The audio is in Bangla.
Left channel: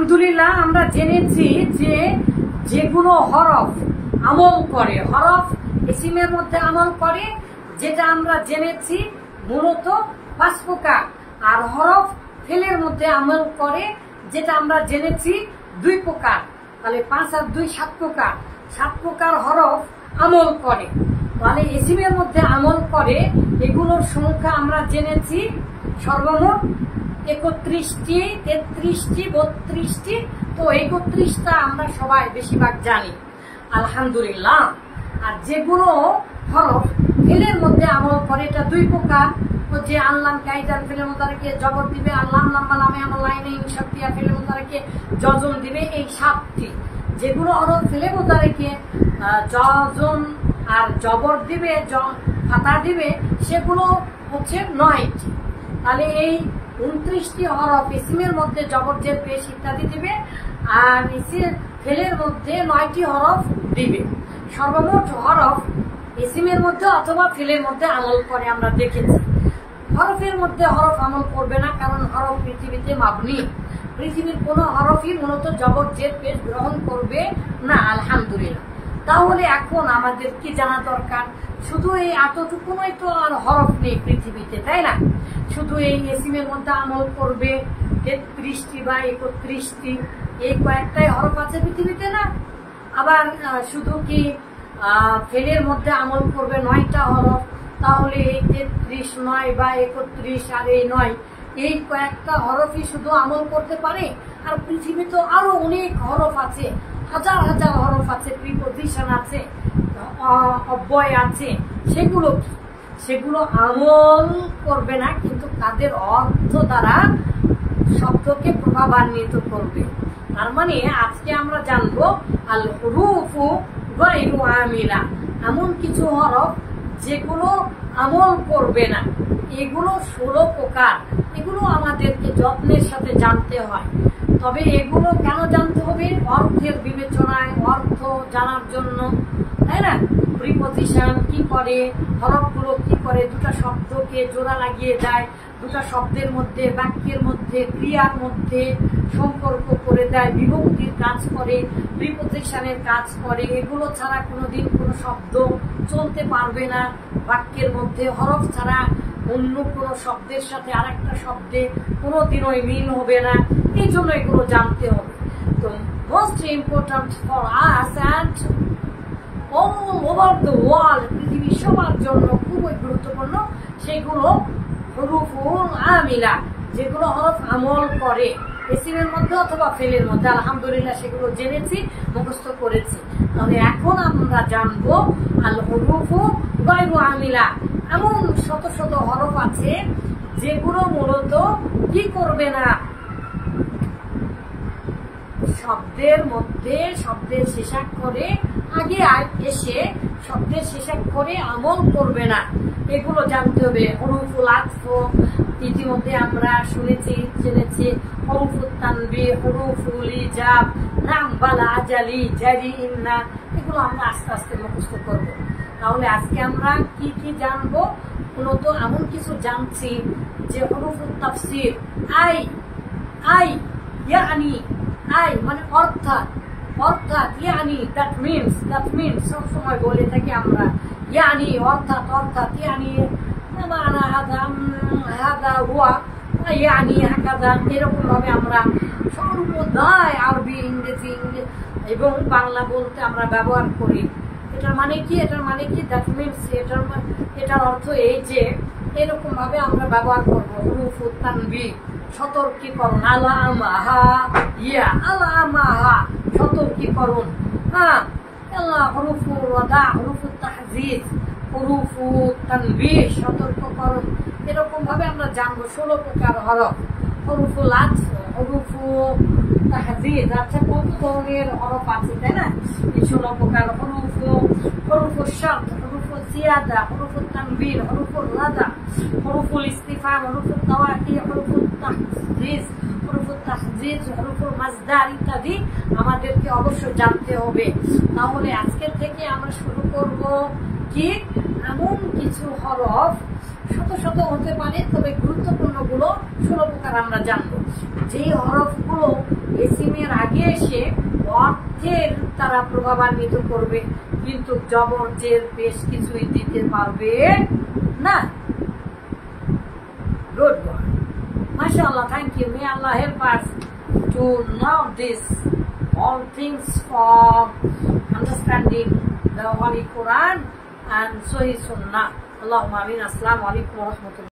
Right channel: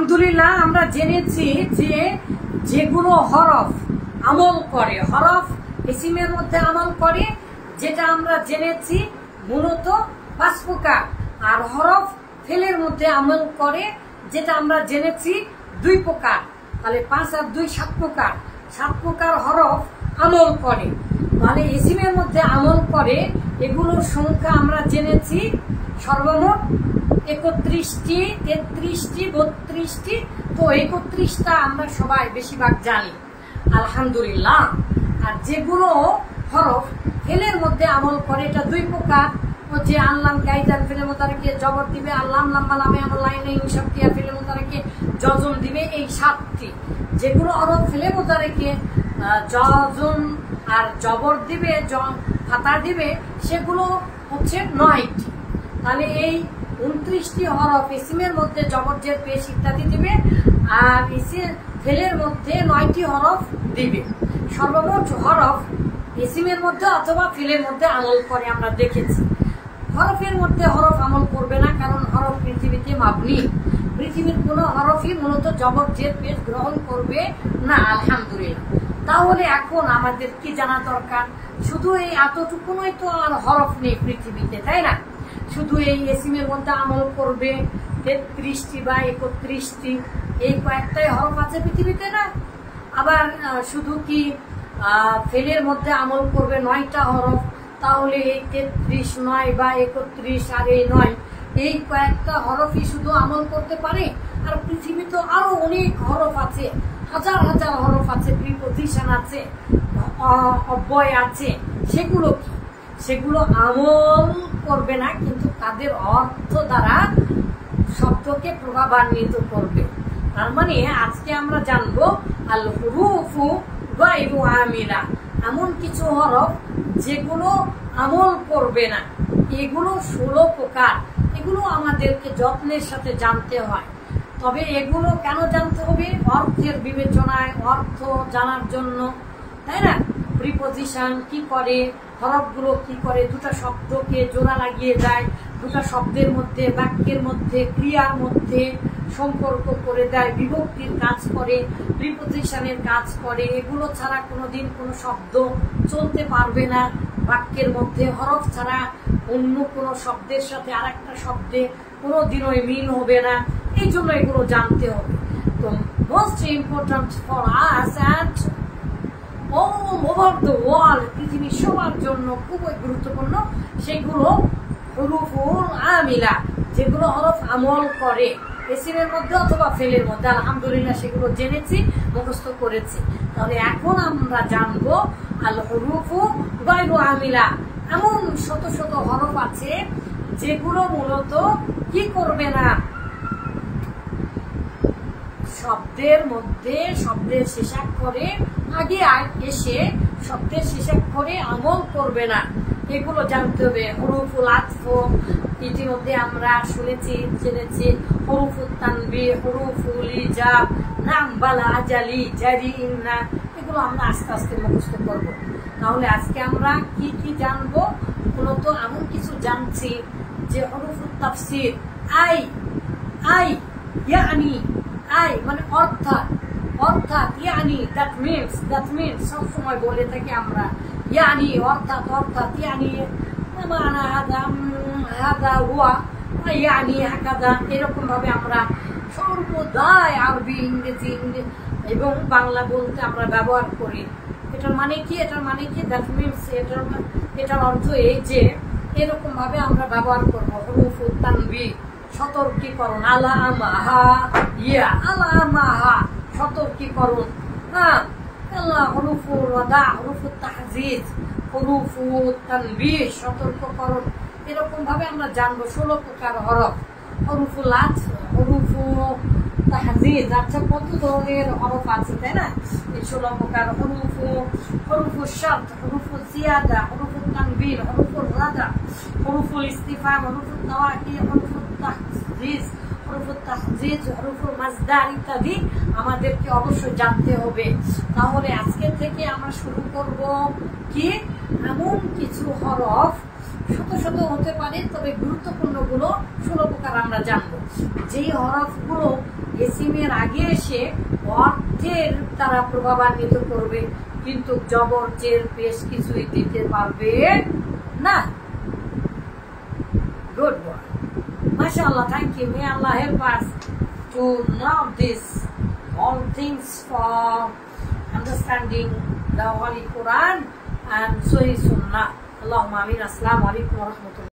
আলহামদুলিল্লাহ আমরা জেনেছি যে যেগুলো হরফ আমল করে, হরফ ইসিমের মধ্যে আমল করে, যেটা আমরা জেনেছি মূলত 5 প্রকার, আর হরফ ফেলের মধ্যে আমল করে যেটা আমরা জেনেছি 2 প্রকার। তাহলে 5 আর 2 7 প্রকার, 7 প্রকার হরফ আমল করে। তাহলে ইসিমের মধ্যে আমল করে এগুলোর সংখ্যা আমরা জেনেছি সর্বমোট 31টি, 33টি, 32টি। তো 31টা আমরা সবাই বেশিরভাগ জানি আলহামদুলিল্লাহ। আর যেগুলো হরফ ফেলের মধ্যে আমল করে এটা 2 প্রকার, যে আল্লাম কাইদান ফেলে মোতারেকে জবর দিবে, আল্লাম লাম্বা লামে আমার লাইনে ইনশাক্তিয়া ফেলে মোতারেকে জজম দিবে, এই 7টি। যেগুলো হরফ ফেলে মোতারেকে জজম আর জবর দিবে, ফাতা দিবে, সেগুলো হচ্ছে 9টি। তাহলে এই 29টি হরফ ইসিমের মধ্যে জবর জের পেশ ইত্যাদি দিবে, আর ফেলের মধ্যে 9টি হরফ দিবে। সর্বমোট হরফ ইসিমের মধ্যে অথবা ফেলের মধ্যে আমল করে আমরা দেখেছি। হরফের মধ্যে হরফ আমল করবে না, কারণ হরফ পৃথিবীতে মাবনি, পৃথিবীর কোনো হরফই মূলত জবর জের পেশ গ্রহণ করবে না আলহামদুলিল্লাহ। তাহলে এখন আমাদের কি জানা দরকার? শুধু এই এতটুকুনই তো আর হরফ নেই পৃথিবীতে, তাই না? শুধু এই ইসিমের মধ্যে আমল করবে 33টি বা 31টি, এই কয়েকটাই হরফ আছে পৃথিবীতে না? আবার শুধু কি ফেলের মধ্যে আমল করবে 9টা হরফ, তাহলে এই 33, 9 বা 31 আর এই 9, এই কয়েকটা হরফই শুধু আমল করতে পারে? আর পৃথিবীতে আরো অনেক হরফ আছে, হাজার হাজার হরফ আছে, প্রিপোজিশন আছে, অব্যয় আছে। সেগুলো কি? সেগুলো আমল করবে না, কিন্তু তাদের অর্থ দ্বারা শব্দকে প্রভাবান্বিত করবে। তার মানে আজকে আমরা জানবো আল হুরুফু গায়রু আমিলা, এমন কিছু হরফ যেগুলো আমল করবে না। এগুলো 16 প্রকার। এগুলো আমাদেরকে যত্নের সাথে জানতে হয়। তবে এগুলো কেন জানতে হবে? অর্থের বিবেচনায়, অর্থ জানার জন্য, তাই না? প্রিপোজিশন কি করে, হরফগুলো কি করে, দুটা শব্দকে জোড়া লাগিয়ে দেয়, দুটা শব্দের মধ্যে, বাক্যের মধ্যে, ক্রিয়ার মধ্যে সম্পর্ক করে দেয়, বিভক্তির কাজ করে, প্রিপোজিশনের কাজ করে। এগুলো ছাড়া কোনোদিন কোনো শব্দ চলতে পারবে না বাক্যের মধ্যে। হরফ ছাড়া অন্য কোনো শব্দের সাথে আরেকটা শব্দে কোনোদিনই মিল হবে না। এই জন্য এগুলো জানতে হবে। তো most important for us and all over the world, পৃথিবীর সবার জন্য খুবই গুরুত্বপূর্ণ সেগুলো হুরুফুল আমিলা, যেগুলো হরফ আমল করে ইসিমের মধ্যে অথবা ফেলের মধ্যে। আলহামদুলিল্লাহ সেগুলো জেনেছি, মুখস্থ করেছি। তাহলে এখন আমরা জানবো আল হুরুফু গায়রু আমিলা, এমন শত শত হরফ আছে যেগুলো মূলত কি করবে না, শব্দের মধ্যে শব্দের শেষাক্ষরে আগে এসে শব্দের শেষাক্ষরে আমল করবে না। এগুলো জানতে হবে। হরুফুল আতফ ইতিমধ্যে আমরা শুনেছি, জেনেছি। হরুফুল তানবিহ, হরুফুল ইজাব, নাম, বালা, আজালি, জারি, ইন্না, এগুলো আমরা আস্তে আস্তে মুখস্থ করব। তাহলে আজকে আমরা কি কি জানবো? মূলত এমন কিছু জানছি যে হরুফুল তাফসির, আই আই ইয়ানি, আই মানে অর্থাৎ, অর্থাৎ, ইয়ানি দ্যাট মিনস সবসময় বলে থাকি আমরা, ইয়ানি অর্থাৎ, অর্থাৎ, ইয়ানি মানা হাদা, হাদা হুয়া, ইয়ানি হাকাদা, এরকম ভাবে আমরা সর্বদাই আরবি, ইংরেজি এবং বাংলা বলতে আমরা ব্যবহার করি। এটার মানে কি? এটার মানে কি? দ্যাট মিনস, এটার অর্থ এই যে এরকম ভাবে আমরা ব্যবহার করবো। হুরুফুল তানবিহ, সতর্কীকরণ, আলামাহা, ইয়া আলামাহা, সতর্কীকরণ। হ্যাঁ, হরুফুল ওয়াদা, হরুফুল তাহজিজ, হরুফুল তানবিহ, সতর্ককরণ। এরকম ভাবে আমরা জানবো 16 প্রকার হরফ। হরুফুল আতফ, হরুফুল তাহজিজ, আচ্ছা কত ধরনের হরফ আছে, তাই না? এই 16 প্রকার। হরুফুল শর্ত, হরুফুল জিয়াদা, হরুফুল তানবিহ, হরুফুল রাদা, হরুফুল ইস্তিফহাম, হরুফুল তাওয়াকি, হরুফুল তাহজিজ, হরুফুল তাহজিজ, হরুফুল মাজদার ইত্যাদি আমাদেরকে অবশ্যই জানতে হবে। তাহলে আজকে থেকে আমরা শুরু করব কি, এমন কিছু হরফ, শত শত হতে পারে, তবে গুরুত্বপূর্ণ গুলো 16 প্রকার আমরা জানবো। যেই হরফগুলো এসিমের আগে এসে অর্থের তারা প্রভাবান্বিত করবে, কিন্তু জবর জের বেশ কিছুই দিতে পারবে না। Good boy. MashaAllah, thank you. May Allah help us to know this all things for understanding the Holy Quran and Sahih Sunnah. Allahumma ameen. Assalamu alaikum wa rahmatullah.